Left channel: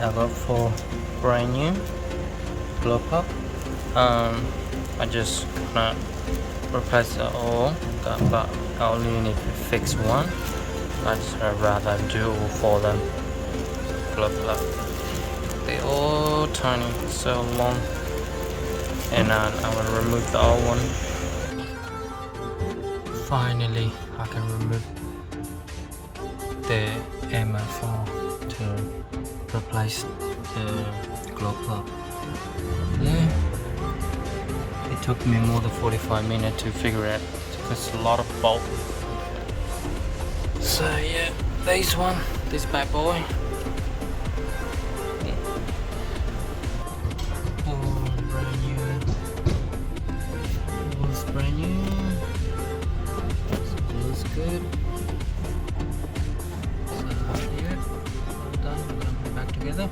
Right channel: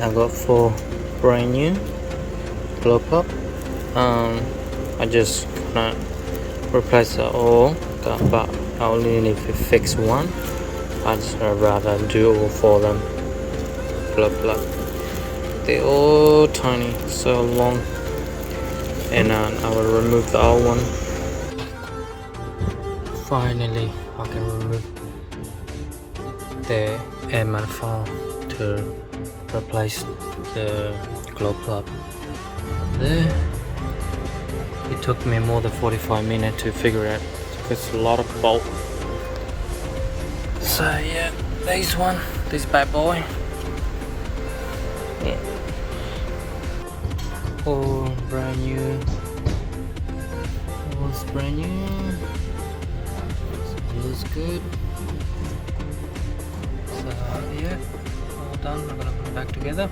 I got 4 brand new glow pop. I just gonna replace it all, but I only need to fix one. I'd rather do all 4 of them. Glow plug. They're all tiny, so long, and I will remove the old one. Finally, I can remove the air manifold to replace the glow plug. There. It took me more than 45 minutes to figure it out because it's a lot of bolt. So yeah, this bad boy. Yeah. All brand new. All's brand new. So it looks good. So yeah, all done. We're gonna put it back together.